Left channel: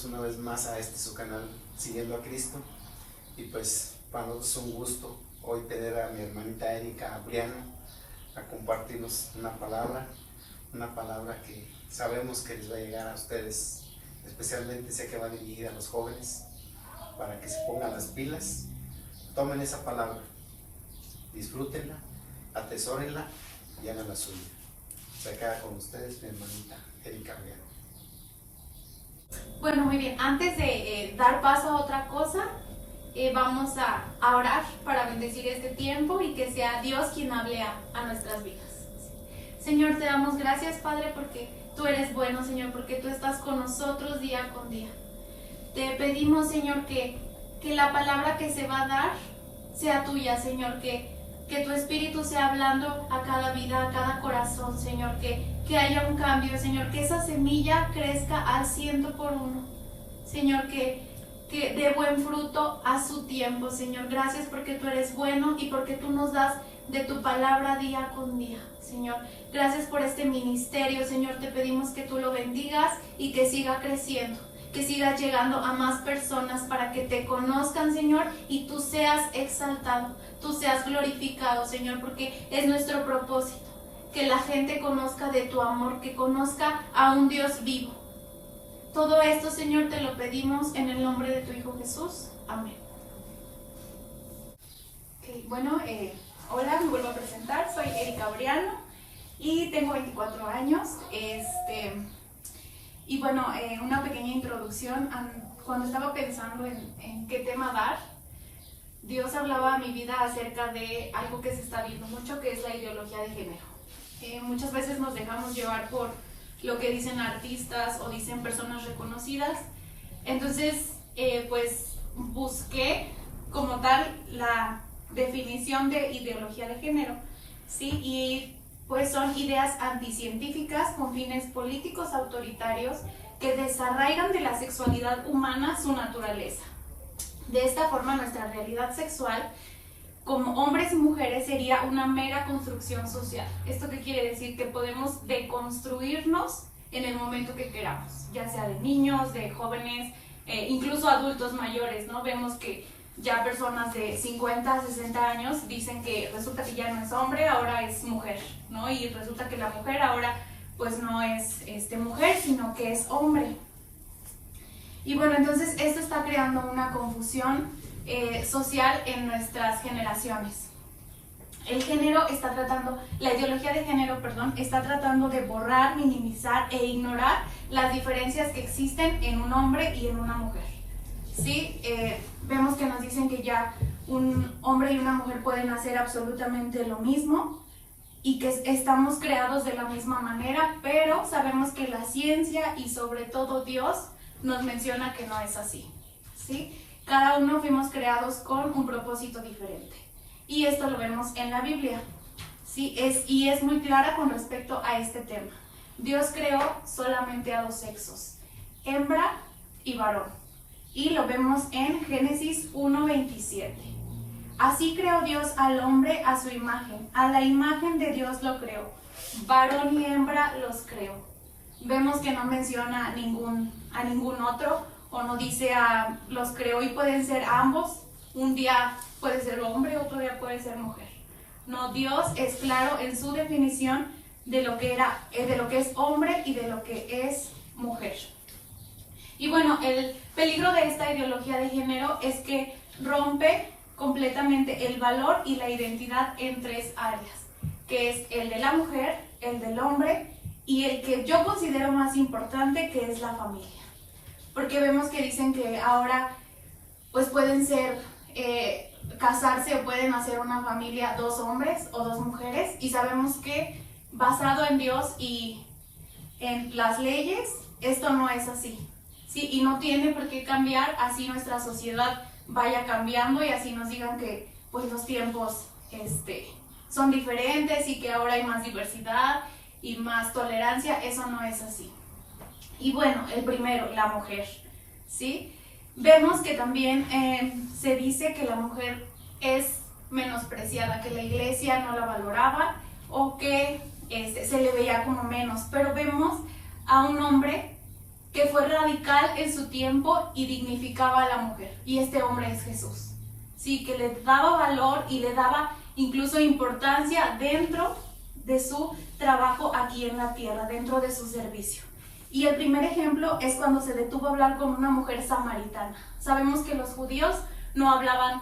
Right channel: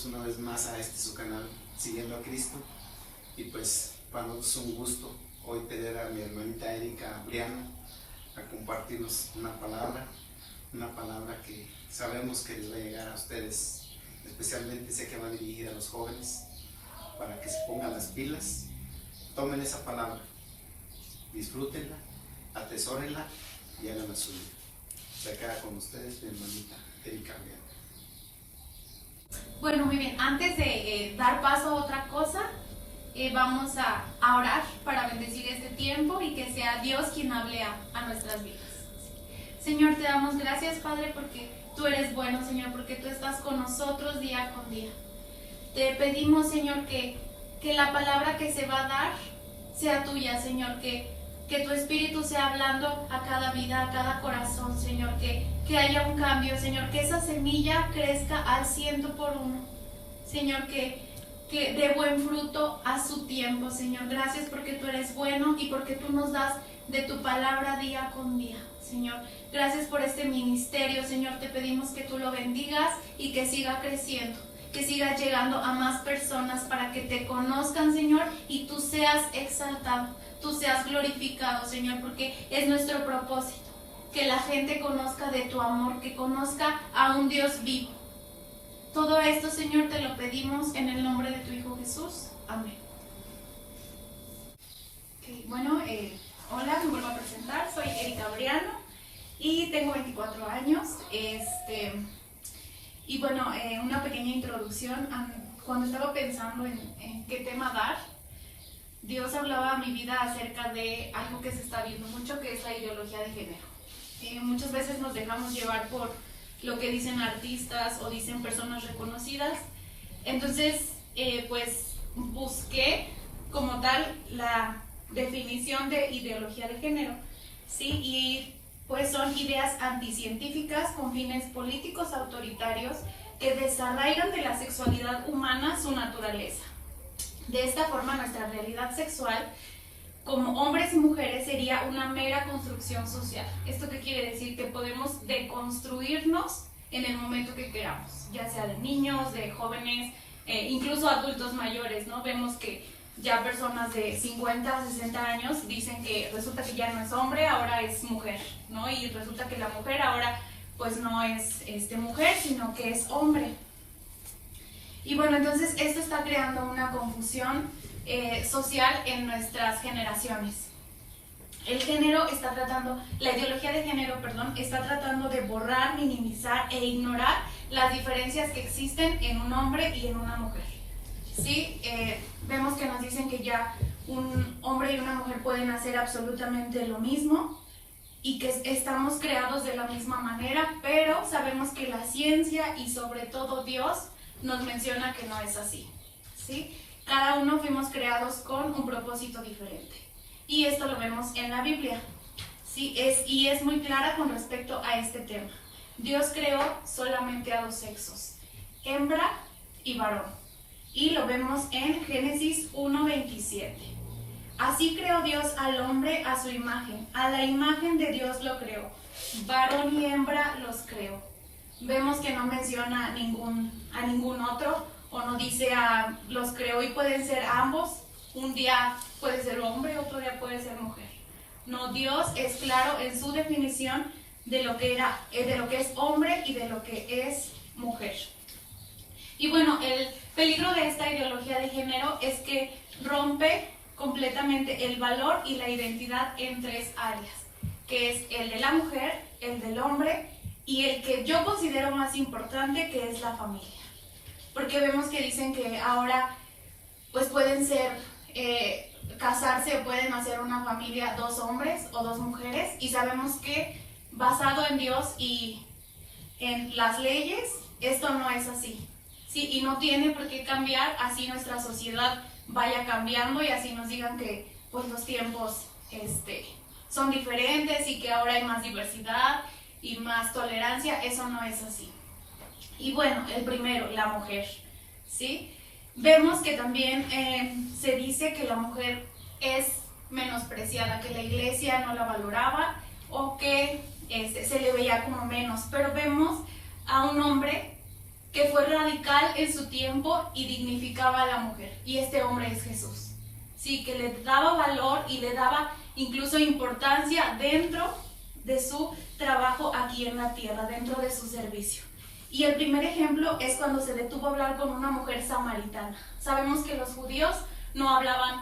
bienvenidos una vez más a este su canal, Siguiendo a Cristo. Y pues para nosotros es un gusto hoy tener a mi hermanita Erika Briano a compartirnos una palabra que sabemos que les va a llegar a ustedes, especialmente sé que va a dirigir a los jóvenes para que se pongan las pilas, tomen esa palabra, disfrútenla, atesórenla y hagan la suya. Se queda con ustedes mi hermanita Erika Briano. Bueno, muy bien, antes de dar paso a otra cosa, vamos a orar para bendecir este tiempo y que sea Dios quien hable a nuestras vidas. Señor, te damos gracias, Padre, porque tú eres bueno, Señor, porque tú estás con nosotros día con día. Te pedimos, Señor, que la palabra que se va a dar sea tuya, Señor, que tu Espíritu sea hablando a cada vida, a cada corazón, Señor, que haya un cambio, Señor, que esa semilla crezca al 100 por uno, Señor, que dé buen fruto a su tiempo, Señor. Gracias porque tú eres bueno y porque tú nos das de tu palabra día con día, Señor. Gracias por este ministerio, Señor. Te pedimos que tú lo bendigas y que siga creciendo, que siga llegando a más personas para que te conozcan, Señor, y tú seas exaltado, tú seas glorificado, Señor, porque es nuestro propósito, que la gente conozca de tu amor, que conozca a un Dios vivo. Todo esto, Señor, te lo pedimos en el nombre de tu Hijo Jesús. Amén. Okay, bueno, hola, me vuelvo a presentar. Soy Erika Briano y tengo 24 años. Y bueno, una pequeña introducción. Cuando estaba pensando en qué tema dar, Dios hablaba a mi vida acerca de algo que se está viendo mucho, que es la ideología de género. Muchas veces nos dejamos llevar por lo que dicen artistas o dicen personas reconocidas. Entonces, pues busqué como tal la definición de ideología de género, ¿sí? Y pues son ideas anticientíficas con fines políticos autoritarios que desarraigan de la sexualidad humana su naturaleza. De esta forma, nuestra realidad sexual como hombres y mujeres sería una mera construcción social. ¿Esto qué quiere decir? Que podemos deconstruirnos en el momento que queramos, ya sea de niños, de jóvenes, incluso adultos mayores, ¿no? Vemos que ya personas de 50, 60 años dicen que resulta que ya no es hombre, ahora es mujer, ¿no? Y resulta que la mujer ahora pues no es mujer, sino que es hombre. Y bueno, entonces esto está creando una confusión social en nuestras generaciones. La ideología de género, está tratando de borrar, minimizar e ignorar las diferencias que existen en un hombre y en una mujer. ¿Sí? Vemos que nos dicen que ya un hombre y una mujer pueden hacer absolutamente lo mismo y que estamos creados de la misma manera, pero sabemos que la ciencia y sobre todo Dios nos menciona que no es así, ¿sí? Cada uno fuimos creados con un propósito diferente. Y esto lo vemos en la Biblia, ¿sí? Y es muy clara con respecto a este tema. Dios creó solamente a dos sexos, hembra y varón. Y lo vemos en Génesis 1:27. Así creó Dios al hombre a su imagen. A la imagen de Dios lo creó. Varón y hembra los creó. Vemos que no menciona a ningún otro, o no dice los creó y pueden ser ambos. Un día puede ser hombre, otro día puede ser mujer. No, Dios es claro en su definición de lo que es hombre y de lo que es mujer. Y bueno, el peligro de esta ideología de género es que rompe completamente el valor y la identidad en tres áreas, que es el de la mujer, el del hombre y el que yo considero más importante, que es la familia. Porque vemos que dicen que ahora pues pueden casarse o pueden hacer una familia dos hombres o dos mujeres, y sabemos que basado en Dios y en las leyes, esto no es así, ¿sí? Y no tiene por qué cambiar, así nuestra sociedad vaya cambiando y así nos digan que pues los tiempos son diferentes y que ahora hay más diversidad y más tolerancia. Eso no es así. Y bueno, el primero, la mujer, ¿sí? Vemos que también se dice que la mujer es menospreciada, que la iglesia no la valoraba o que se le veía como menos, pero vemos a un hombre que fue radical en su tiempo y dignificaba a la mujer. Y este hombre es Jesús. Sí, que le daba valor y le daba incluso importancia dentro de su trabajo aquí en la tierra, dentro de su servicio. Y el primer ejemplo es cuando se detuvo a hablar con una mujer samaritana. Sabemos que los judíos no hablaban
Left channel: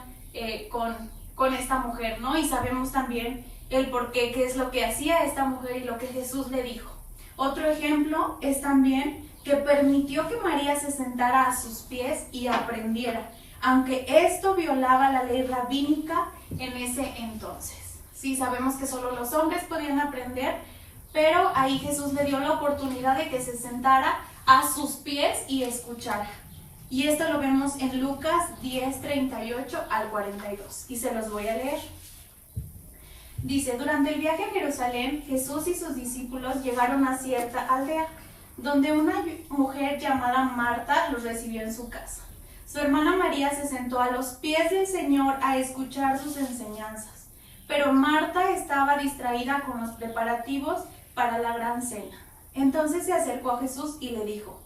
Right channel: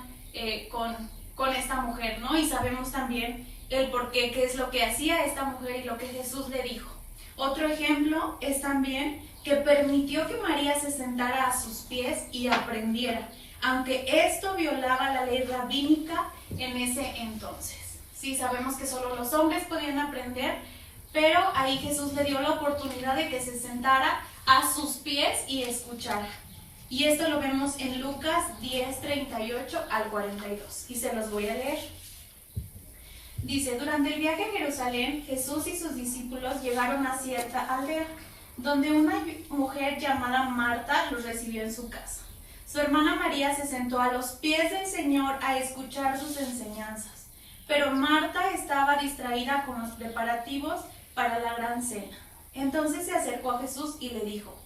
con esta mujer, ¿no? Y sabemos también el por qué, qué es lo que hacía esta mujer y lo que Jesús le dijo. Otro ejemplo es también que permitió que María se sentara a sus pies y aprendiera, aunque esto violaba la ley rabínica en ese entonces. Sí, sabemos que solo los hombres podían aprender, pero ahí Jesús le dio la oportunidad de que se sentara a sus pies y escuchara. Y esto lo vemos en Lucas 10, 38 al 42, y se los voy a leer. Dice: durante el viaje a Jerusalén, Jesús y sus discípulos llegaron a cierta aldea, donde una mujer llamada Marta los recibió en su casa. Su hermana María se sentó a los pies del Señor a escuchar sus enseñanzas, pero Marta estaba distraída con los preparativos para la gran cena. Entonces se acercó a Jesús y le dijo:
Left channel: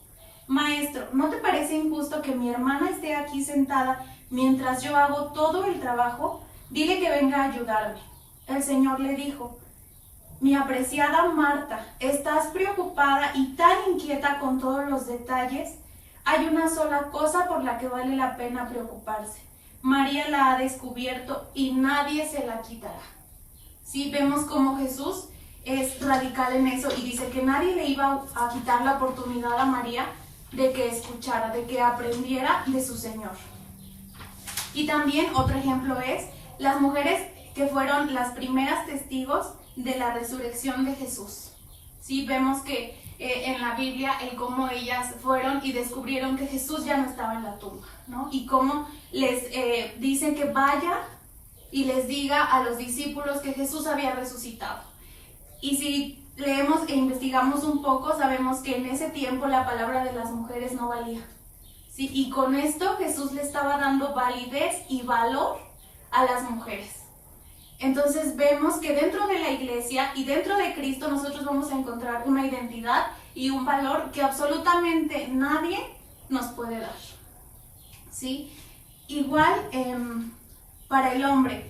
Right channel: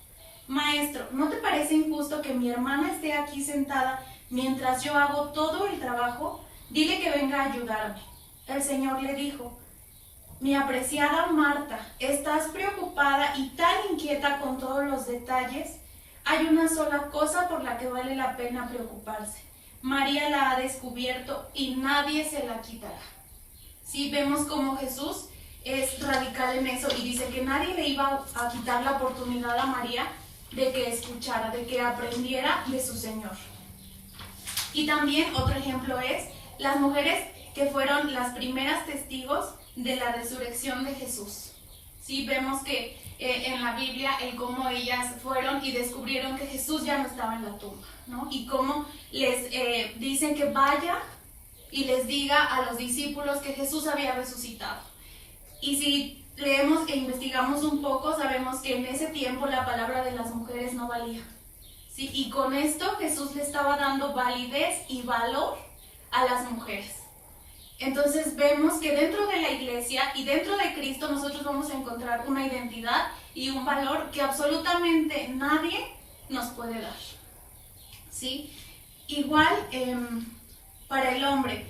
Maestro, ¿no te parece injusto que mi hermana esté aquí sentada mientras yo hago todo el trabajo? Dile que venga a ayudarme. El Señor le dijo: mi apreciada Marta, estás preocupada y tan inquieta con todos los detalles. Hay una sola cosa por la que vale la pena preocuparse. María la ha descubierto y nadie se la quitará. Sí, vemos cómo Jesús es radical en eso y dice que nadie le iba a quitar la oportunidad a María de que escuchara, de que aprendiera de su Señor. Y también otro ejemplo es las mujeres que fueron las primeras testigos de la resurrección de Jesús. Sí, vemos que en la Biblia el cómo ellas fueron y descubrieron que Jesús ya no estaba en la tumba, ¿no? Y cómo les dicen que vaya y les diga a los discípulos que Jesús había resucitado. Y si leemos e investigamos un poco, sabemos que en ese tiempo la palabra de las mujeres no valía. ¿Sí? Y con esto Jesús le estaba dando validez y valor a las mujeres. Entonces vemos que dentro de la iglesia y dentro de Cristo nosotros vamos a encontrar una identidad y un valor que absolutamente nadie nos puede dar. ¿Sí? Igual para el hombre,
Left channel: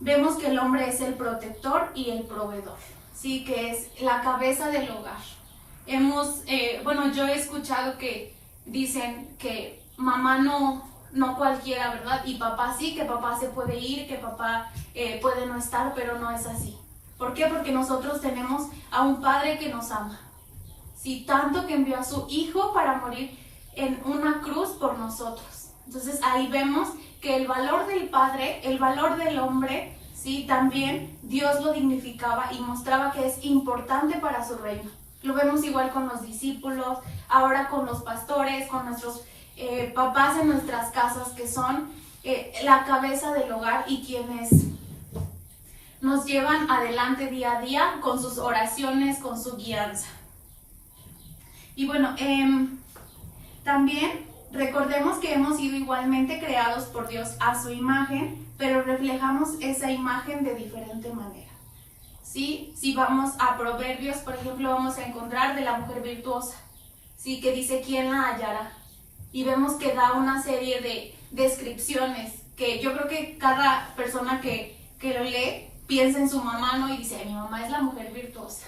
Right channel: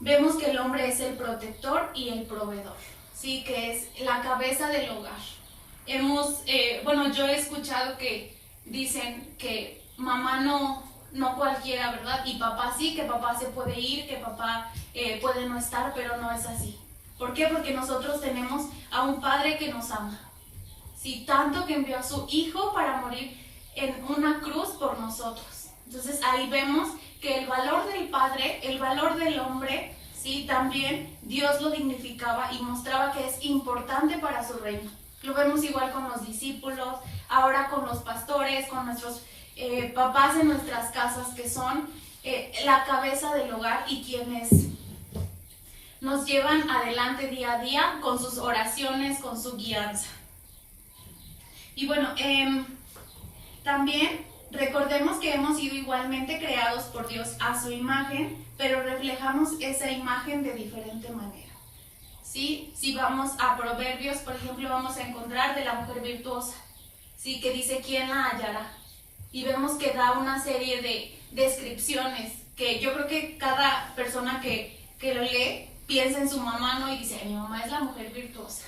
vemos que el hombre es el protector y el proveedor, ¿sí? Que es la cabeza del hogar. Yo he escuchado que dicen que mamá no cualquiera, ¿verdad? Y papá sí, que papá se puede ir, que papá puede no estar, pero no es así. ¿Por qué? Porque nosotros tenemos a un Padre que nos ama. Sí, tanto que envió a su Hijo para morir en una cruz por nosotros. Entonces ahí vemos que el valor del Padre, el valor del hombre, sí, también Dios lo dignificaba y mostraba que es importante para su reino. Lo vemos igual con los discípulos, ahora con los pastores, con nuestros papás en nuestras casas, que son la cabeza del hogar y quienes nos llevan adelante día a día con sus oraciones, con su guianza. Y bueno, también recordemos que hemos sido igualmente creados por Dios a su imagen, pero reflejamos esa imagen de diferente manera. ¿Sí? Si vamos a Proverbios, por ejemplo, vamos a encontrar de la mujer virtuosa, ¿sí? Que dice: ¿quién la hallará? Y vemos que da una serie de descripciones que yo creo que cada persona que lo lee piensa en su mamá, ¿no? Y dice: mi mamá es la mujer virtuosa,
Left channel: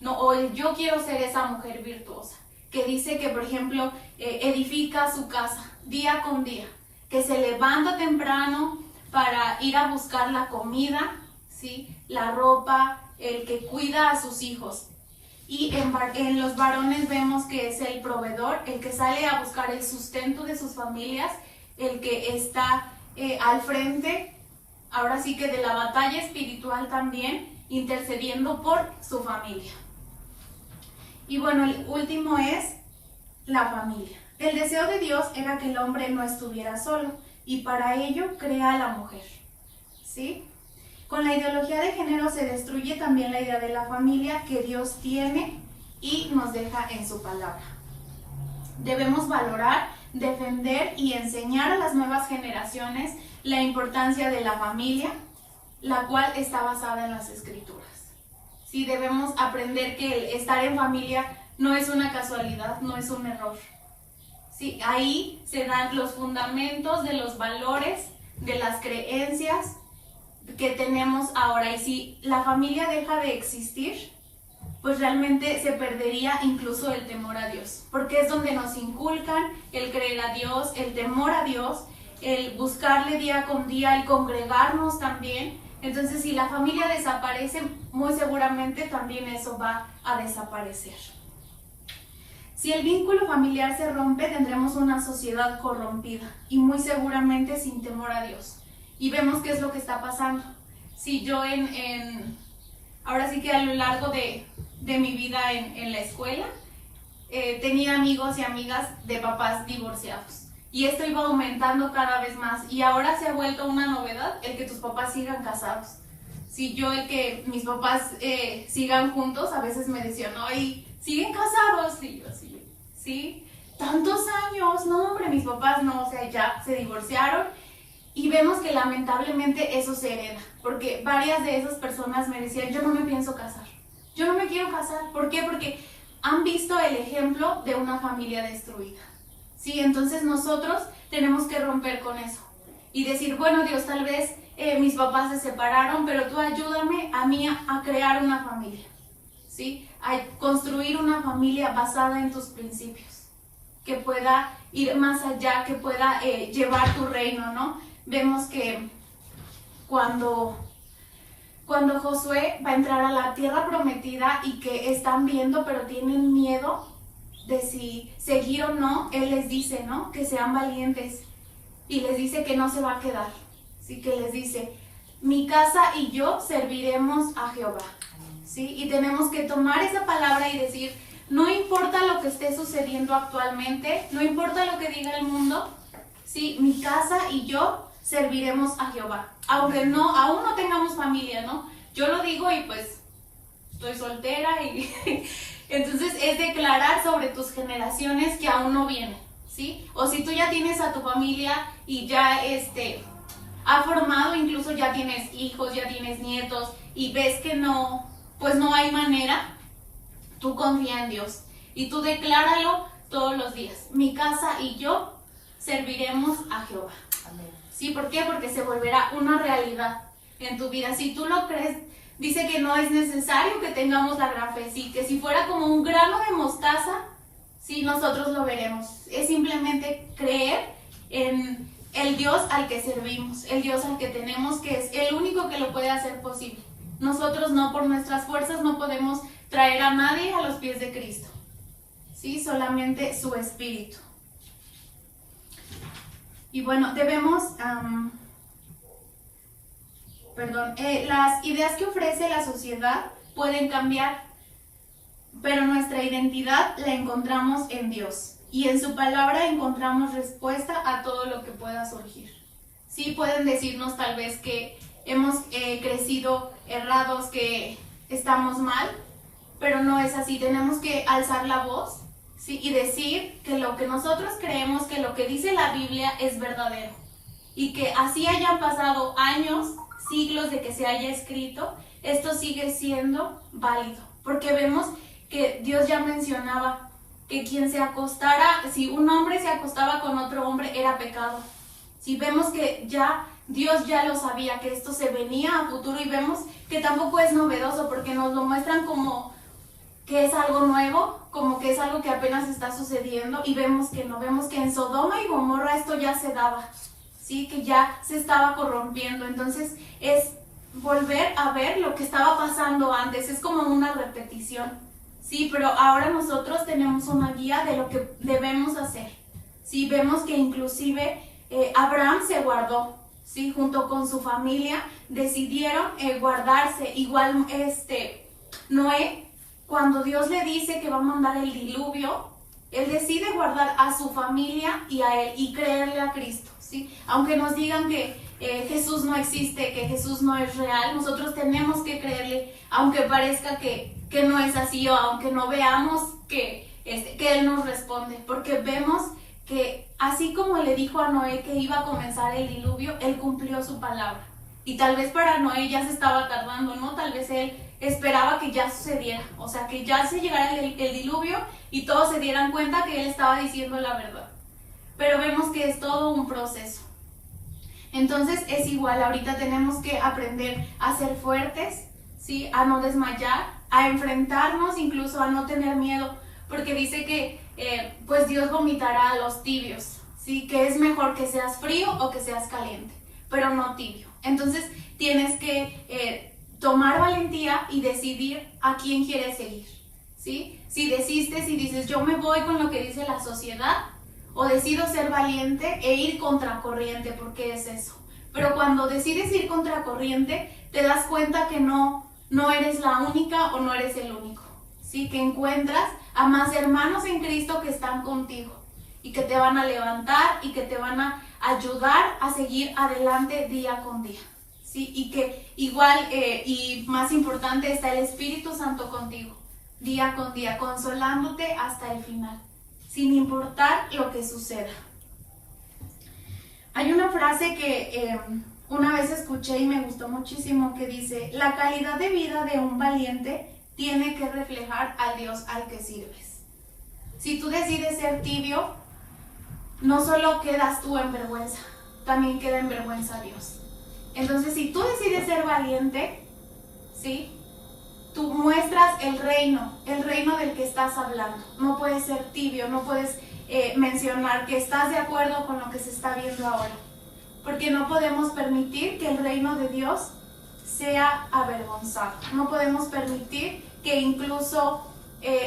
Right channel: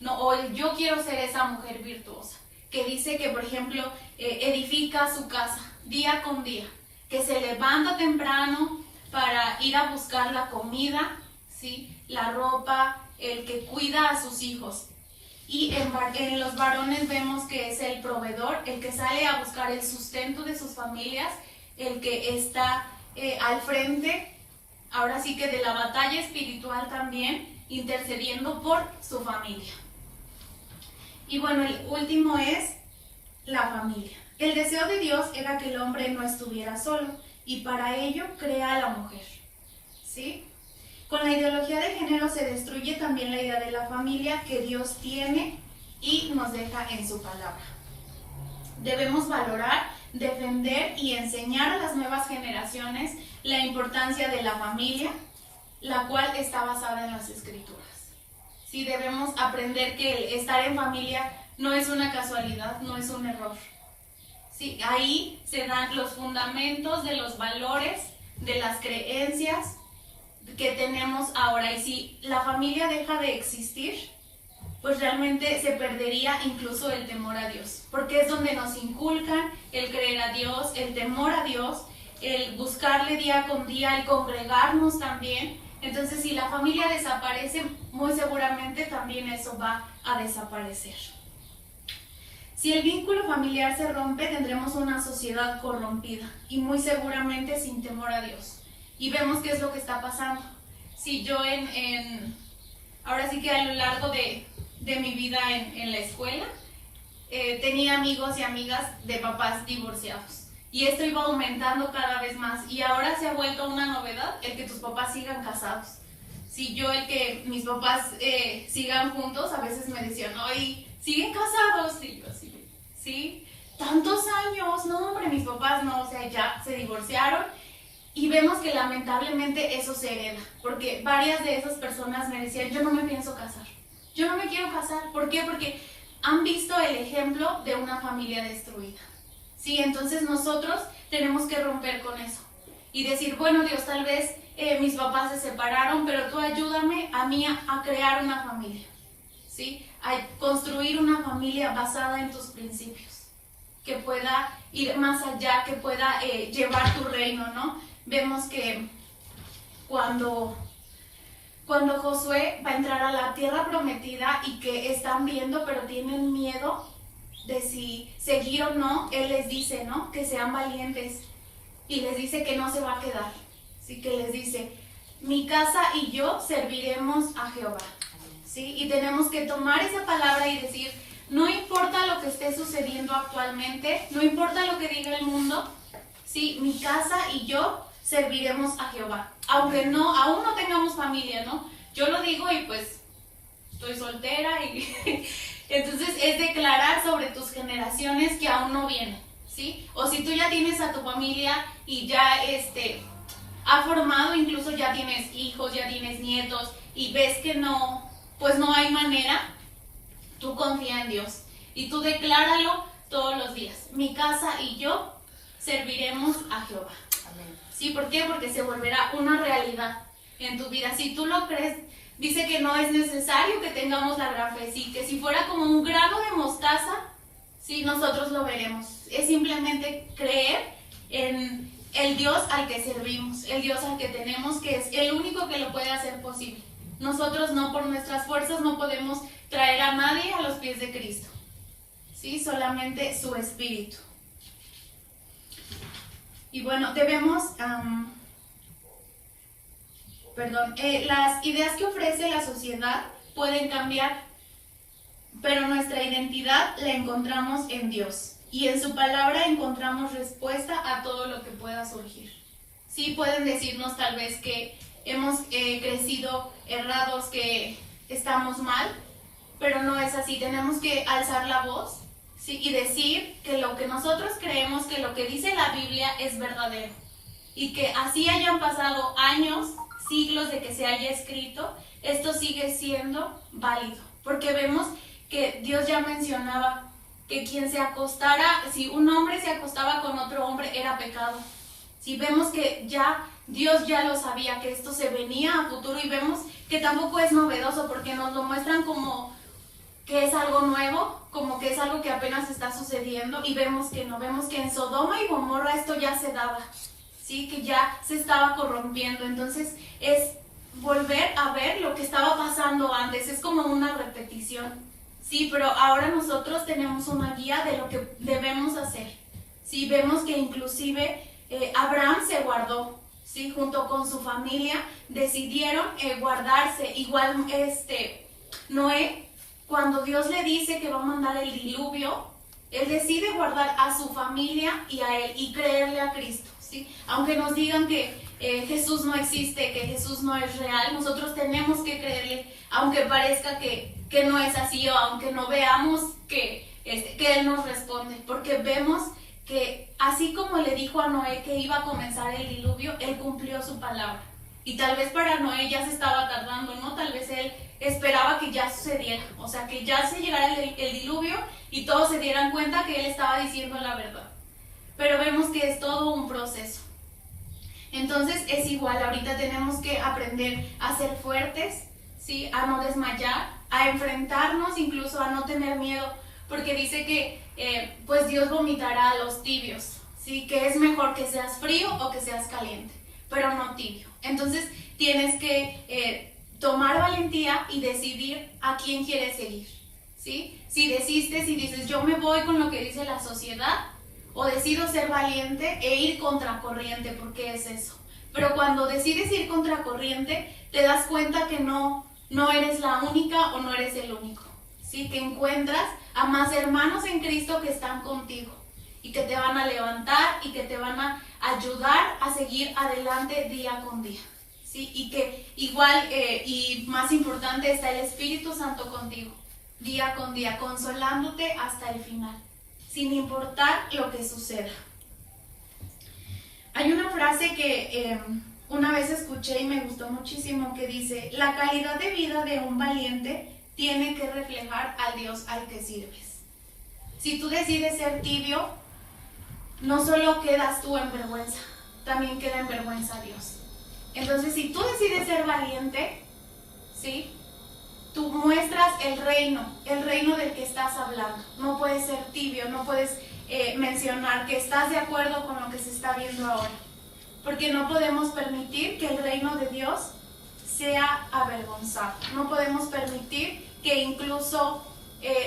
¿no? O yo quiero ser esa mujer virtuosa, que dice que, por ejemplo, edifica su casa día con día, que se levanta temprano para ir a buscar la comida, ¿sí? La ropa, el que cuida a sus hijos. Y en los varones vemos que es el proveedor, el que sale a buscar el sustento de sus familias, el que está al frente, ahora sí que de la batalla espiritual también, intercediendo por su familia. Y bueno, el último es la familia. El deseo de Dios era que el hombre no estuviera solo, y para ello crea a la mujer. ¿Sí? Con la ideología de género se destruye también la idea de la familia que Dios tiene y nos deja en su palabra. Debemos valorar, defender y enseñar a las nuevas generaciones la importancia de la familia, la cual está basada en las Escrituras. Sí, debemos aprender que el estar en familia no es una casualidad, no es un error. ¿Sí? Ahí se dan los fundamentos de los valores, de las creencias que tenemos ahora. Y si la familia deja de existir, pues realmente se perdería incluso el temor a Dios, porque es donde nos inculcan el creer a Dios, el temor a Dios, el buscarle día con día, el congregarnos también. Entonces, si la familia desaparece, muy seguramente también eso va a desaparecer. Si el vínculo familiar se rompe, tendremos una sociedad corrompida y muy seguramente sin temor a Dios. Y vemos qué es lo que está pasando. Si yo ahora sí que a lo largo de mi vida en la escuela, tenía amigos y amigas de papás divorciados. Y esto iba aumentando cada vez más. Y ahora se ha vuelto una novedad el que tus papás sigan casados. Si yo el que mis papás sigan juntos, a veces me decían, ay, ¿siguen casados? Y yo así, ¿sí? ¿Tantos años? No, hombre, mis papás no, o sea, ya se divorciaron. Y vemos que lamentablemente eso se hereda. Porque varias de esas personas me decían, yo no me pienso casar. Yo no me quiero casar. ¿Por qué? Porque han visto el ejemplo de una familia destruida. Sí, entonces nosotros tenemos que romper con eso. Y decir, bueno, Dios, tal vez mis papás se separaron, pero tú ayúdame a mí a crear una familia. ¿Sí? A construir una familia basada en tus principios. Que pueda ir más allá, que pueda llevar tu reino, ¿no? Vemos que cuando Josué va a entrar a la tierra prometida y que están viendo, pero tienen miedo de si seguir o no, él les dice, ¿no? Que sean valientes y les dice que no se va a quedar. Así que les dice, mi casa y yo serviremos a Jehová. ¿Sí? Y tenemos que tomar esa palabra y decir, no importa lo que esté sucediendo actualmente, no importa lo que diga el mundo, ¿sí? Mi casa y yo serviremos a Jehová. Aunque aún no tengamos familia, ¿no? Yo lo digo y pues estoy soltera y entonces es declarar sobre tus generaciones que aún no vienen, ¿sí? O si tú ya tienes a tu familia y ya ha formado, incluso ya tienes hijos, ya tienes nietos y ves que no, pues no hay manera, tú confía en Dios y tú decláralo todos los días. Mi casa y yo serviremos a Jehová. ¿Sí? ¿Por qué? Porque se volverá una realidad en tu vida. Si tú lo crees, dice que no es necesario que tengamos la gran fe, sí, que si fuera como un grano de mostaza, sí, nosotros lo veremos. Es simplemente creer en el Dios al que servimos, el Dios al que tenemos, que es el único que lo puede hacer posible. Nosotros no, por nuestras fuerzas, no podemos traer a nadie a los pies de Cristo, ¿sí? Solamente su Espíritu. Y bueno, debemos, las ideas que ofrece la sociedad pueden cambiar, pero nuestra identidad la encontramos en Dios. Y en su palabra encontramos respuesta a todo lo que pueda surgir. Sí, pueden decirnos tal vez que hemos crecido errados, que estamos mal, pero no es así. Tenemos que alzar la voz, ¿sí? Y decir que lo que nosotros creemos, que lo que dice la Biblia es verdadero. Y que así hayan pasado años, siglos de que se haya escrito, esto sigue siendo válido. Porque vemos que Dios ya mencionaba que quien se acostara, si un hombre se acostaba con otro hombre, era pecado. Si vemos que ya Dios ya lo sabía, que esto se venía a futuro, y vemos que tampoco es novedoso porque nos lo muestran como que es algo nuevo, como que es algo que apenas está sucediendo, y vemos que no, vemos que en Sodoma y Gomorra esto ya se daba, ¿sí? Que ya se estaba corrompiendo. Entonces es volver a ver lo que estaba pasando antes, es como una repetición, ¿sí? Pero ahora nosotros tenemos una guía de lo que debemos hacer, ¿sí? Vemos que inclusive Abraham se guardó, ¿sí? Junto con su familia decidieron guardarse. Igual Noé, cuando Dios le dice que va a mandar el diluvio, él decide guardar a su familia y a él y creerle a Cristo, ¿sí? Aunque nos digan que Jesús no existe, que Jesús no es real, nosotros tenemos que creerle, aunque parezca que no es así, o aunque no veamos que Él nos responde, porque vemos que así como le dijo a Noé que iba a comenzar el diluvio, Él cumplió su palabra. Y tal vez para Noé ya se estaba tardando, ¿no? Tal vez él esperaba que ya sucediera, o sea, que ya se llegara el diluvio y todos se dieran cuenta que él estaba diciendo la verdad. Pero vemos que es todo un proceso. Entonces es igual, ahorita tenemos que aprender a ser fuertes, ¿sí? A no desmayar, a enfrentarnos, incluso a no tener miedo, porque dice que pues Dios vomitará a los tibios, ¿sí? Que es mejor que seas frío o que seas caliente, pero no tibio. Entonces tienes que tomar valentía y decidir a quién quieres seguir, ¿sí? Si desistes y dices yo me voy con lo que dice la sociedad, o decido ser valiente e ir contracorriente, porque es eso. Pero cuando decides ir contracorriente, te das cuenta que no eres la única o no eres el único, ¿sí? Que encuentras a más hermanos en Cristo que están contigo y que te van a levantar y que te van a ayudar a seguir adelante día con día, ¿sí? Y que igual y más importante está el Espíritu Santo contigo, día con día, consolándote hasta el final, sin importar lo que suceda. Hay una frase que una vez escuché y me gustó muchísimo que dice: la calidad de vida de un valiente tiene que reflejar al Dios al que sirves. Si tú decides ser tibio, no solo quedas tú en vergüenza, también queda en vergüenza Dios. Entonces, si tú decides ser valiente, ¿sí? Tú muestras el reino del que estás hablando. No puedes ser tibio, no puedes mencionar que estás de acuerdo con lo que se está viendo ahora, porque no podemos permitir que el reino de Dios sea avergonzado. No podemos permitir que incluso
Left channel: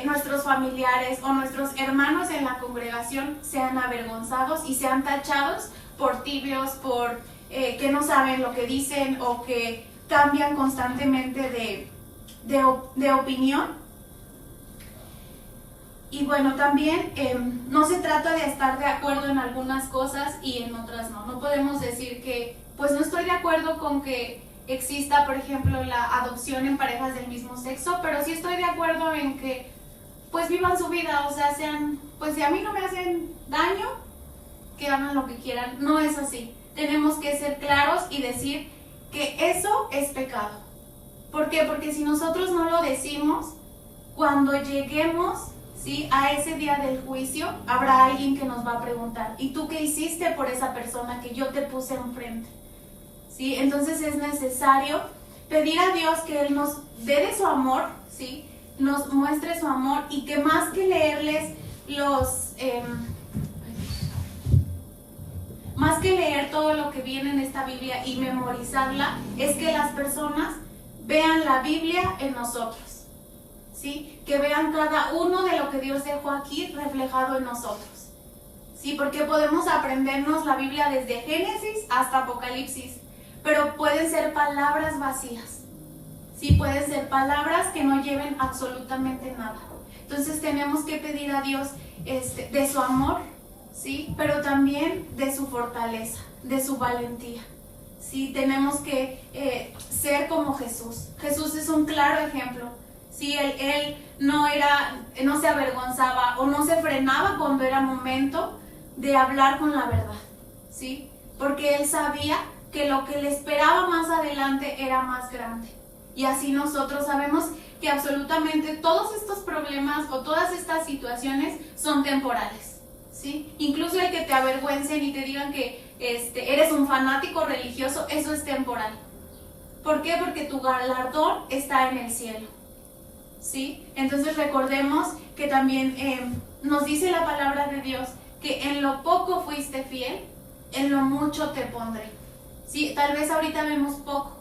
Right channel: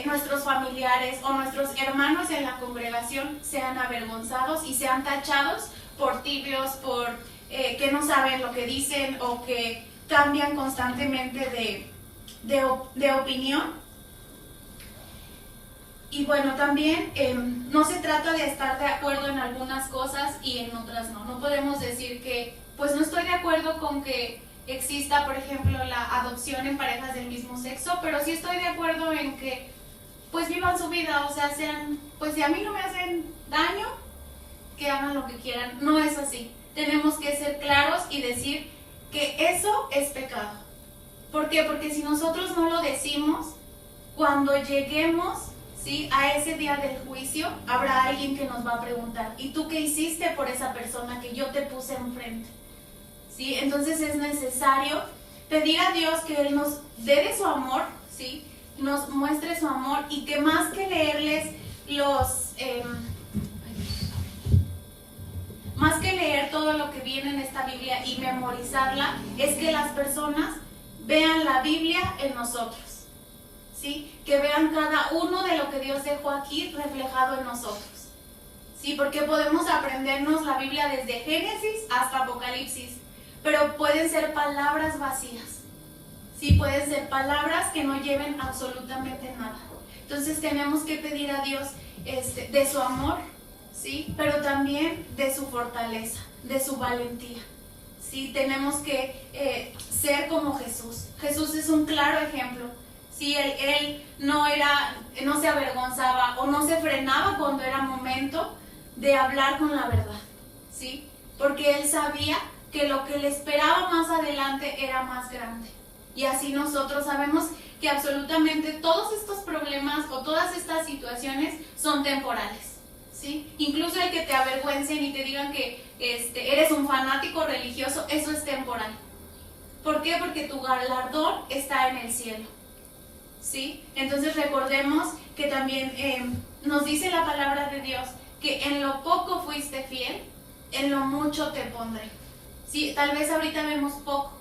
nuestros familiares o nuestros hermanos en la congregación sean avergonzados y sean tachados por tibios, por que no saben lo que dicen o que cambian constantemente de opinión. Y bueno, también no se trata de estar de acuerdo en algunas cosas y en otras no. No podemos decir que, pues no estoy de acuerdo con que exista, por ejemplo, la adopción en parejas del mismo sexo, pero sí estoy de acuerdo en que, pues vivan su vida, o sea, sean, pues si a mí no me hacen daño, que hagan lo que quieran. No es así. Tenemos que ser claros y decir que eso es pecado. ¿Por qué? Porque si nosotros no lo decimos, cuando lleguemos, ¿sí?, a ese día del juicio, habrá alguien que nos va a preguntar: ¿y tú qué hiciste por esa persona que yo te puse enfrente? ¿Sí? Entonces es necesario pedir a Dios que Él nos dé de su amor, ¿sí?, nos muestre su amor, y que más que leerles más que leer todo lo que viene en esta Biblia y memorizarla, es que las personas vean la Biblia en nosotros, ¿sí? Que vean cada uno de lo que Dios dejó aquí reflejado en nosotros, ¿sí? Porque podemos aprendernos la Biblia desde Génesis hasta Apocalipsis, pero pueden ser palabras vacías, ¿sí? Pueden ser palabras que no lleven absolutamente nada. Entonces tenemos que pedir a Dios de su amor, ¿sí?, pero también de su fortaleza, de su valentía. Sí, tenemos que ser como Jesús. Jesús es un claro ejemplo. Sí, él no se avergonzaba o no se frenaba cuando era momento de hablar con la verdad, ¿sí? Porque él sabía que lo que le esperaba más adelante era más grande. Y así nosotros sabemos que absolutamente todos estos problemas o todas estas situaciones son temporales, ¿sí? Incluso el que te avergüencen y te digan que eres un fanático religioso, eso es temporal. ¿Por qué? Porque tu galardón está en el cielo, ¿sí? Entonces recordemos que también nos dice la palabra de Dios que en lo poco fuiste fiel, en lo mucho te pondré. Sí, tal vez ahorita vemos poco,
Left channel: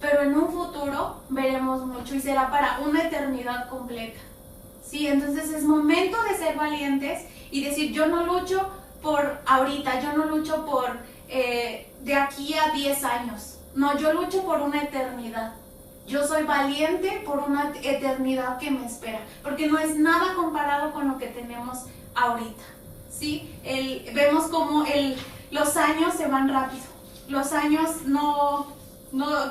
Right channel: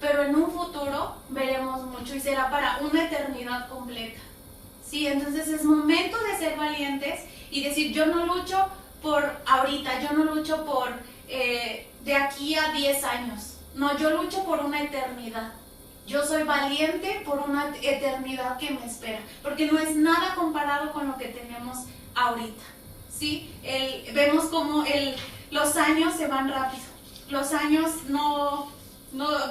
pero en un futuro veremos mucho y será para una eternidad completa, ¿sí? Entonces es momento de ser valientes y decir: yo no lucho por ahorita, yo no lucho por de aquí a 10 años, no, yo lucho por una eternidad. Yo soy valiente por una eternidad que me espera, porque no es nada comparado con lo que tenemos ahorita, ¿sí? Vemos como los años se van rápido, los años no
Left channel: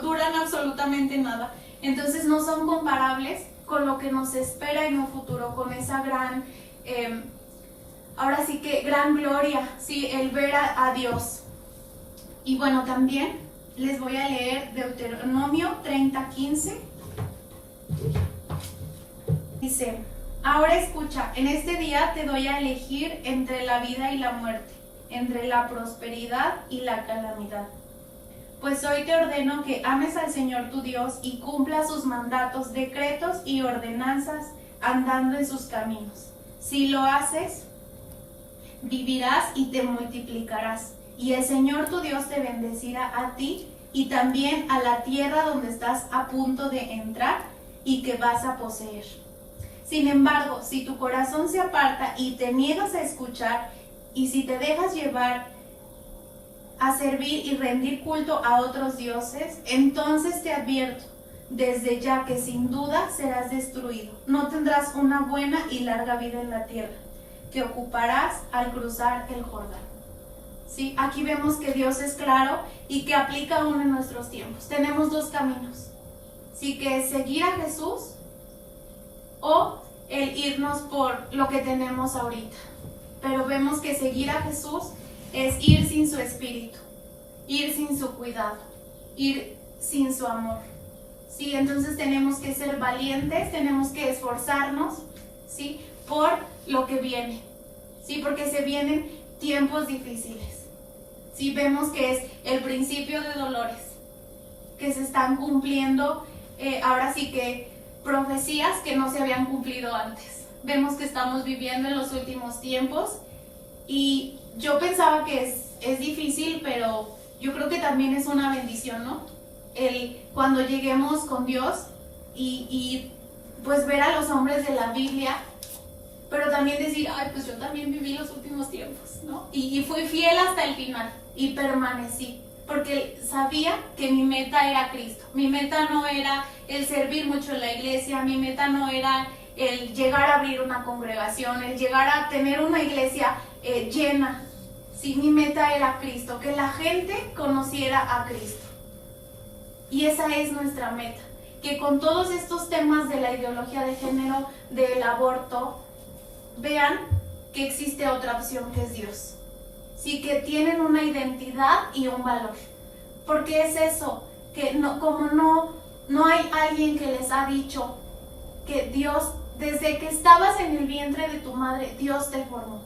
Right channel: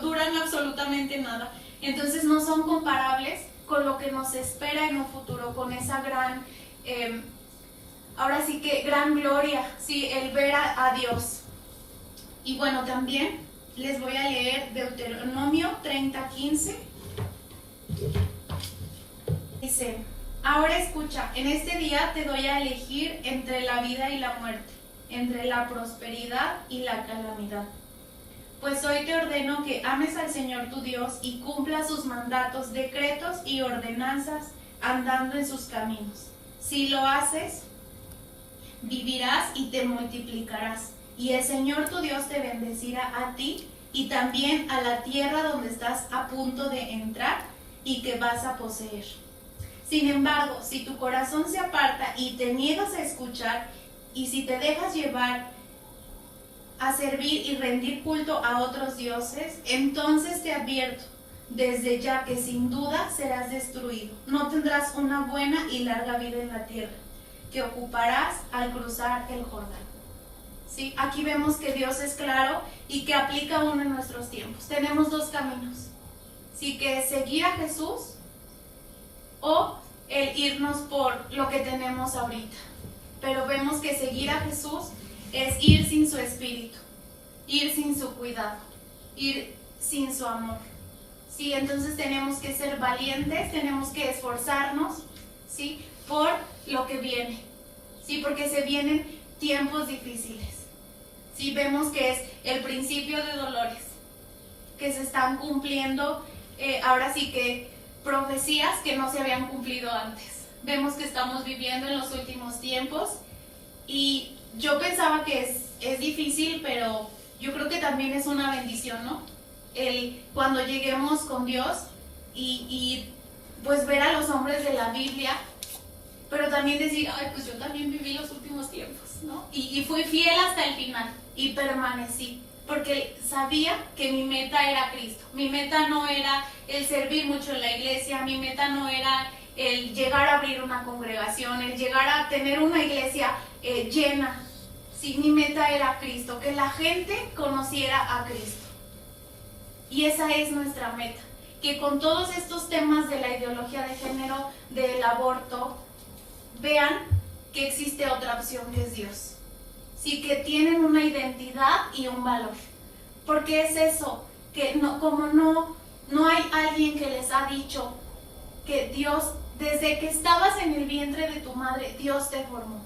duran absolutamente nada, entonces no son comparables con lo que nos espera en un futuro, con esa gran, ahora sí que gran gloria, ¿sí?, el ver a Dios. Y bueno, también Les voy a leer Deuteronomio 30:15. Dice: ahora escucha, en este día te doy a elegir entre la vida y la muerte, entre la prosperidad y la calamidad. Pues hoy te ordeno que ames al Señor tu Dios y cumplas sus mandatos, decretos y ordenanzas, andando en sus caminos. Si lo haces, vivirás y te multiplicarás, y el Señor tu Dios te bendecirá a ti y también a la tierra donde estás a punto de entrar y que vas a poseer. Sin embargo, si tu corazón se aparta y te niegas a escuchar, y si te dejas llevar a servir y rendir culto a otros dioses, entonces te advierto desde ya que sin duda serás destruido. No tendrás una buena y larga vida en la tierra que ocuparás al cruzar el Jordán. ¿Sí? Aquí vemos que Dios es claro y que aplica aún en nuestros tiempos. Tenemos dos caminos, ¿sí? Que es seguir a Jesús o el irnos por lo que tenemos ahorita. Pero vemos que seguir a Jesús es ir sin su espíritu, ir sin su cuidado, ir sin su amor. ¿Sí? Entonces tenemos que ser valientes, tenemos que esforzarnos, ¿sí? Por lo que viene, ¿sí? Porque se vienen tiempos difíciles. ¿Sí? Vemos que es el principio de dolores, que se están cumpliendo, ahora sí que profecías que no se habían cumplido antes. Vemos que estamos viviendo en los últimos tiempos y yo pensaba que es difícil, pero yo creo que también es una bendición, ¿no? Cuando lleguemos con Dios y pues ver a los hombres de la Biblia, pero también decir, ay, pues yo también viví los últimos tiempos, ¿no? Y fui fiel hasta el final y permanecí, porque sabía que mi meta era Cristo. Mi meta no era el servir mucho en la iglesia, mi meta no era el llegar a abrir una congregación, el llegar a tener una iglesia llena. Sí, mi meta era Cristo, que la gente conociera a Cristo. Y esa es nuestra meta, que con todos estos temas de la ideología de género, del aborto, vean que existe otra opción que es Dios. Sí, que tienen una identidad y un valor. Porque es eso, que no hay alguien que les ha dicho que Dios, desde que estabas en el vientre de tu madre, Dios te formó.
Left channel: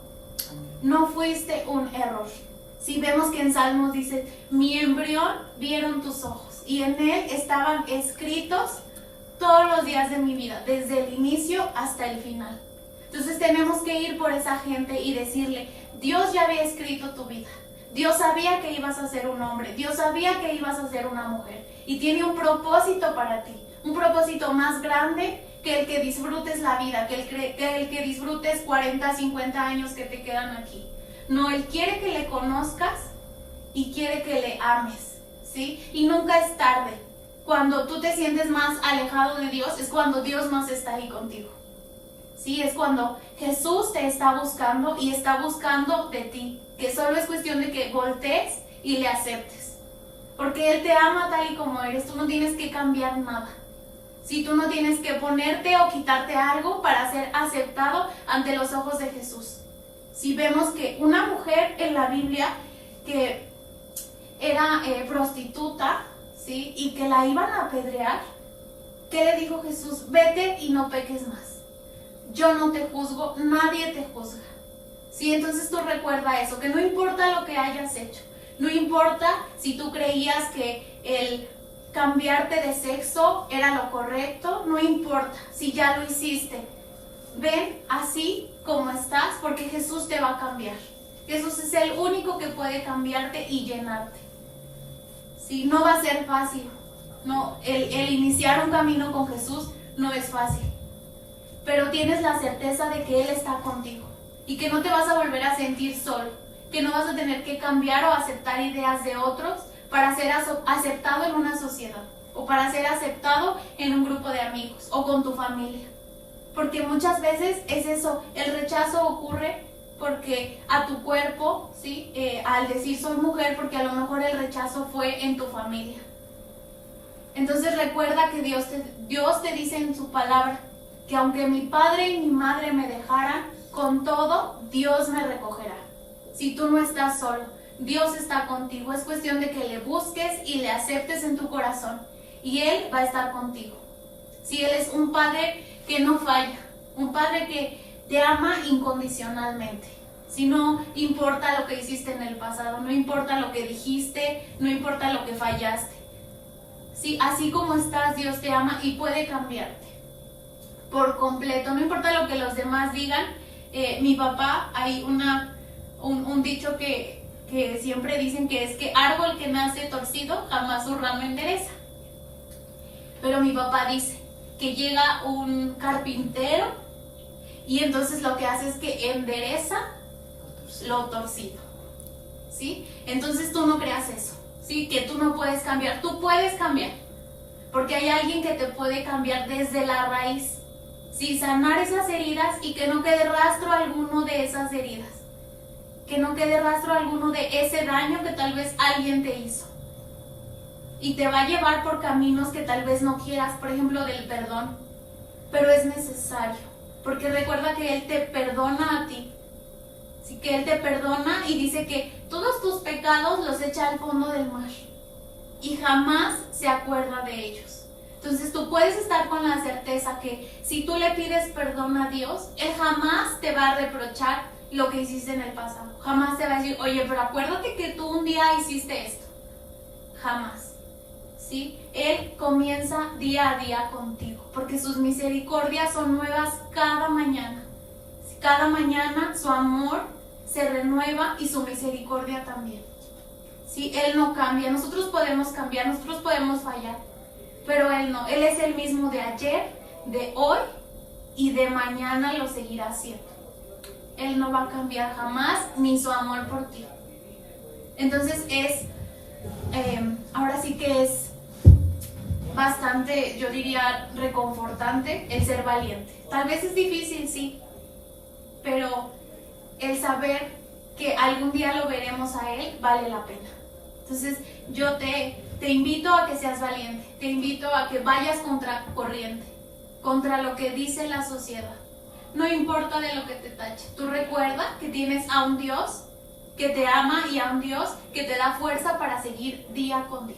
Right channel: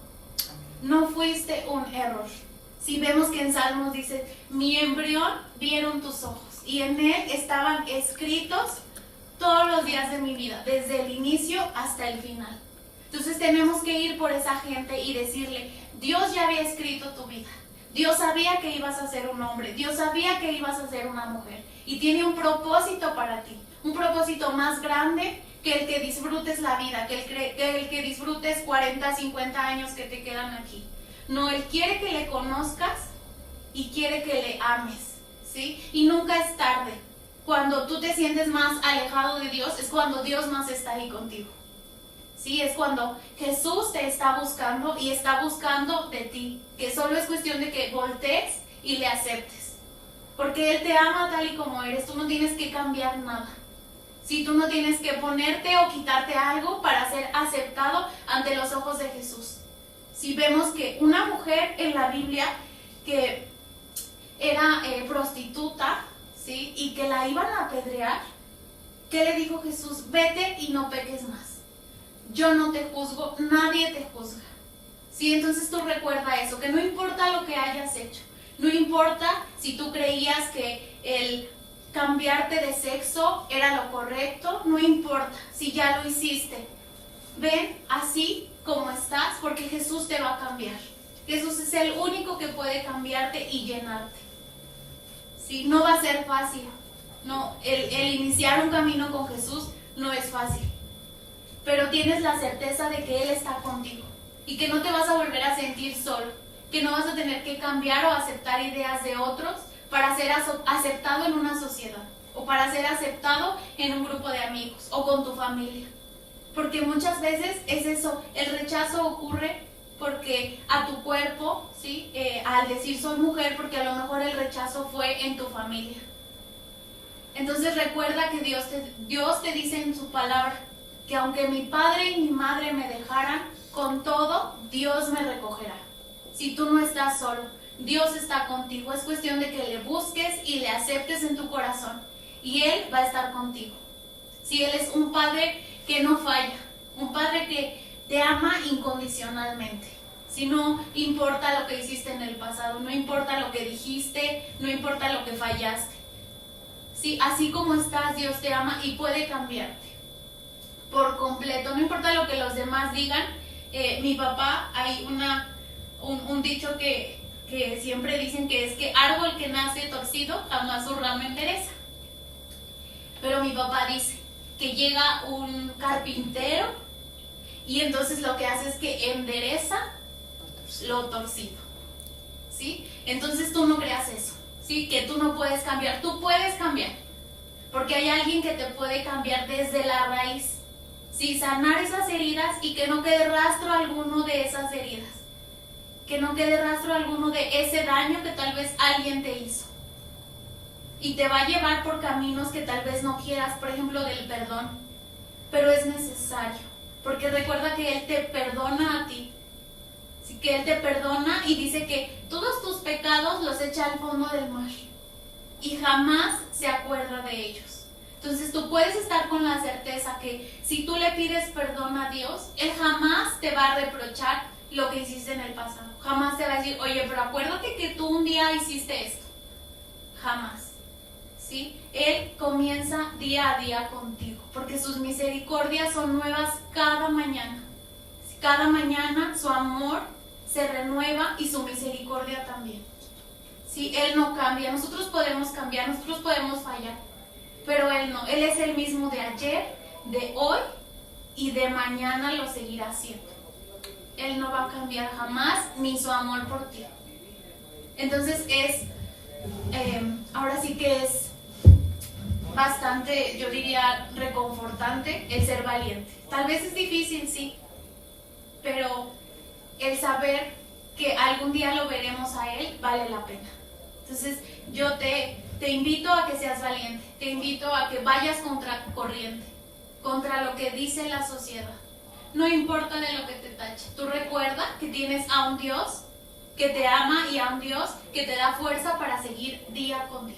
No fuiste un error. Si vemos que en Salmos dice, mi embrión vieron tus ojos y en él estaban escritos todos los días de mi vida, desde el inicio hasta el final. Entonces tenemos que ir por esa gente y decirle, Dios ya había escrito tu vida. Dios sabía que ibas a ser un hombre, Dios sabía que ibas a ser una mujer y tiene un propósito para ti, un propósito más grande que el que disfrutes la vida, que el que disfrutes 40, 50 años que te quedan aquí. No, Él quiere que le conozcas y quiere que le ames, ¿sí? Y nunca es tarde. Cuando tú te sientes más alejado de Dios, es cuando Dios más está ahí contigo. Sí, es cuando Jesús te está buscando y está buscando de ti, que solo es cuestión de que voltees y le aceptes. Porque Él te ama tal y como eres, tú no tienes que cambiar nada. Si tú no tienes que ponerte o quitarte algo para ser aceptado ante los ojos de Jesús. Si vemos que una mujer en la Biblia que era prostituta, ¿sí? Y que la iban a apedrear, ¿qué le dijo Jesús? Vete y no peques más. Yo no te juzgo, nadie te juzga. ¿Sí? Entonces tú recuerda eso, que no importa lo que hayas hecho, no importa si tú creías que el cambiarte de sexo era lo correcto, no importa si ya lo hiciste. Ven así como estás, porque Jesús te va a cambiar. Jesús es el único que puede cambiarte y llenarte. ¿Sí? No va a ser fácil. No, el iniciar un camino con Jesús no es fácil. Pero tienes la certeza de que Él está contigo y que no te vas a volver a sentir solo, que no vas a tener que cambiar o aceptar ideas de otros para ser aceptado en una sociedad o para ser aceptado en un grupo de amigos o con tu familia. Porque muchas veces es eso, el rechazo ocurre porque a tu cuerpo, ¿sí? Al decir soy mujer, porque a lo mejor el rechazo fue en tu familia. Entonces recuerda que Dios te dice en su palabra que aunque mi padre y mi madre me dejaran, con todo Dios me recogerá. Si tú no estás solo, Dios está contigo. Es cuestión de que le busques y le aceptes en tu corazón. Y Él va a estar contigo. Si Él es un Padre que no falla, un Padre que te ama incondicionalmente. Si no importa lo que hiciste en el pasado, no importa lo que dijiste, no importa lo que fallaste. Sí, así como estás, Dios te ama y puede cambiarte por completo. No importa lo que los demás digan. Mi papá, hay un dicho que siempre dicen que es que árbol que nace torcido jamás su rama endereza. Pero mi papá dice que llega un carpintero y entonces lo que hace es que endereza lo torcido, ¿sí? Entonces tú no creas eso, ¿sí? Que tú no puedes cambiar. Tú puedes cambiar, porque hay alguien que te puede cambiar desde la raíz, ¿sí? Sanar esas heridas y que no quede rastro alguno de esas heridas, que no quede rastro alguno de ese daño que tal vez alguien te hizo. Y te va a llevar por caminos que tal vez no quieras, por ejemplo, del perdón. Pero es necesario, porque recuerda que Él te perdona a ti. Así que Él te perdona y dice que todos tus pecados los echa al fondo del mar. Y jamás se acuerda de ellos. Entonces tú puedes estar con la certeza que si tú le pides perdón a Dios, Él jamás te va a reprochar lo que hiciste en el pasado. Jamás te va a decir, oye, pero acuérdate que tú un día hiciste esto. Jamás. ¿Sí? Él comienza día a día contigo, porque sus misericordias son nuevas cada mañana. Cada mañana su amor se renueva y su misericordia también. ¿Sí? Él no cambia. Nosotros podemos cambiar, nosotros podemos fallar, pero Él no. Él es el mismo de ayer, de hoy y de mañana lo seguirá siendo. Él no va a cambiar jamás, ni su amor por ti. Entonces ahora sí que es bastante, yo diría, reconfortante el ser valiente. Tal vez es difícil, sí, pero el saber que algún día lo veremos a Él vale la pena. Entonces yo te invito a que seas valiente, te invito a que vayas contra corriente, contra lo que dice la sociedad. No importa de lo que te tache. Tú recuerda que tienes a un Dios que te ama y a un Dios que te da fuerza para seguir día con día.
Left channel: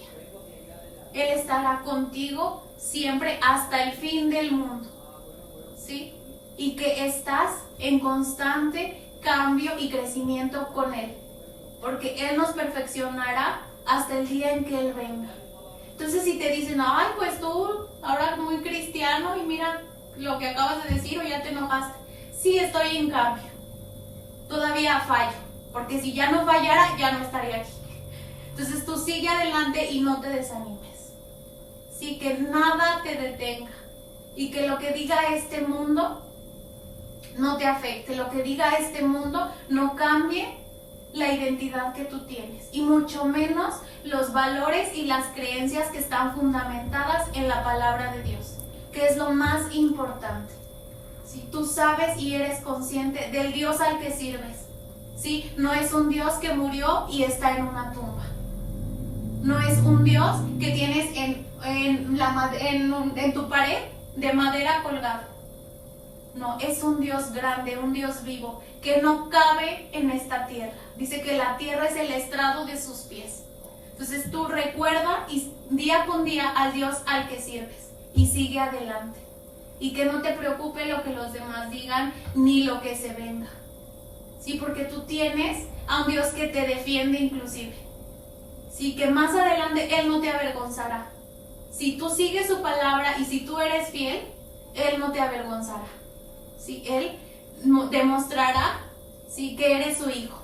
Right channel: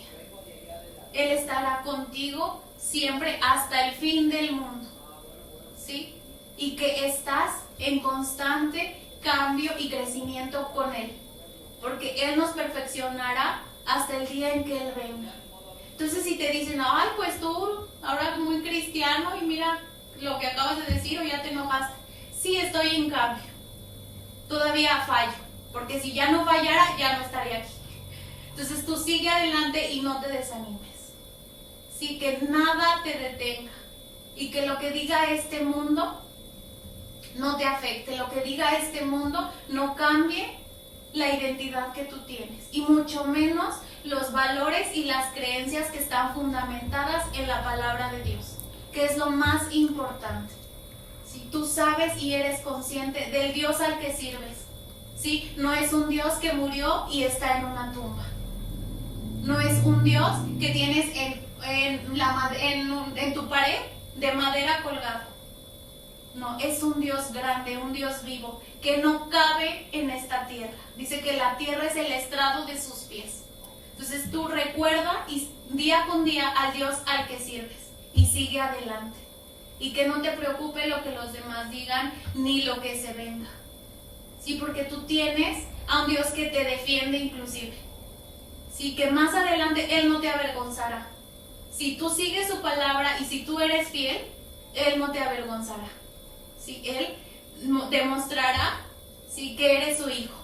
Él estará contigo siempre hasta el fin del mundo, ¿sí? Y que estás en constante cambio y crecimiento con Él, porque Él nos perfeccionará hasta el día en que Él venga. Entonces si te dicen, ay, pues tú ahora muy cristiano y mira lo que acabas de decir o ya te enojaste. Sí, estoy en cambio, todavía fallo, porque si ya no fallara ya no estaría aquí. Entonces tú sigue adelante y no te desanimes. Sí, que nada te detenga y que lo que diga este mundo no te afecte, lo que diga este mundo no cambie la identidad que tú tienes y mucho menos los valores y las creencias que están fundamentadas en la palabra de Dios, que es lo más importante. Si tú sabes y eres consciente del Dios al que sirves, ¿sí? No es un Dios que murió y está en una tumba. No es un Dios que tienes en tu pared de madera colgado. No, es un Dios grande, un Dios vivo, que no cabe en esta tierra. Dice que la tierra es el estrado de sus pies. Entonces tú recuerda y día con día al Dios al que sirves y sigue adelante. Y que no te preocupe lo que los demás digan ni lo que se venga. Sí, porque tú tienes a un Dios que te defiende inclusive. Sí, que más adelante Él no te avergonzará. Si tú sigues su palabra y si tú eres fiel, Él no te avergonzará. Sí, Él demostrará, sí, que eres su hijo.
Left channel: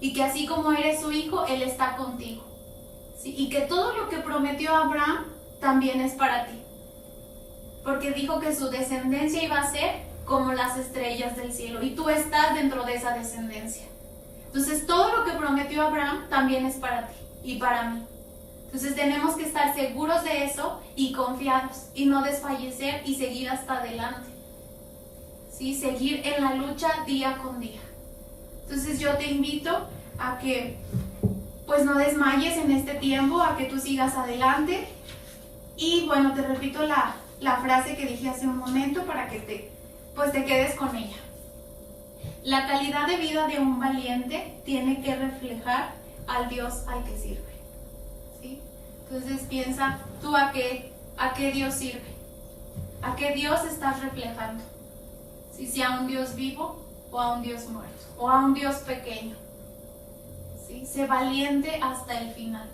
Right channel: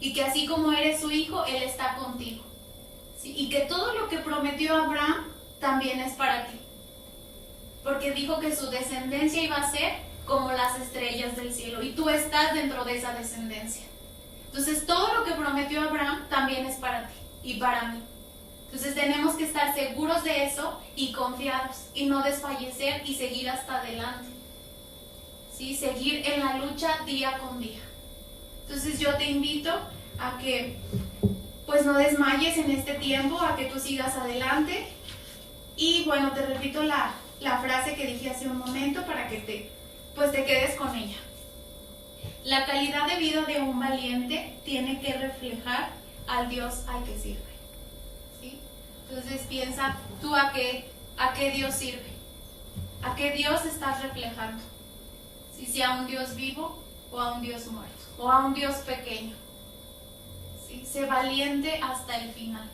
Y que así como eres su hijo, Él está contigo. Sí, y que todo lo que prometió Abraham también es para ti. Porque dijo que su descendencia iba a ser como las estrellas del cielo. Y tú estás dentro de esa descendencia. Entonces todo lo que prometió Abraham también es para ti y para mí. Entonces tenemos que estar seguros de eso y confiados y no desfallecer y seguir hasta adelante. ¿Sí? Seguir en la lucha día con día. Entonces yo te invito a que pues no desmayes en este tiempo, a que tú sigas adelante. Y bueno, te repito la frase que dije hace un momento para que te quedes con ella. La calidad de vida de un valiente tiene que reflejar al Dios al que sirve. ¿Sí? Entonces piensa tú a qué Dios sirve, a qué Dios estás reflejando. Si a un Dios vivo o a un Dios muerto o a un Dios pequeño. ¿Sí? Sé valiente hasta el final.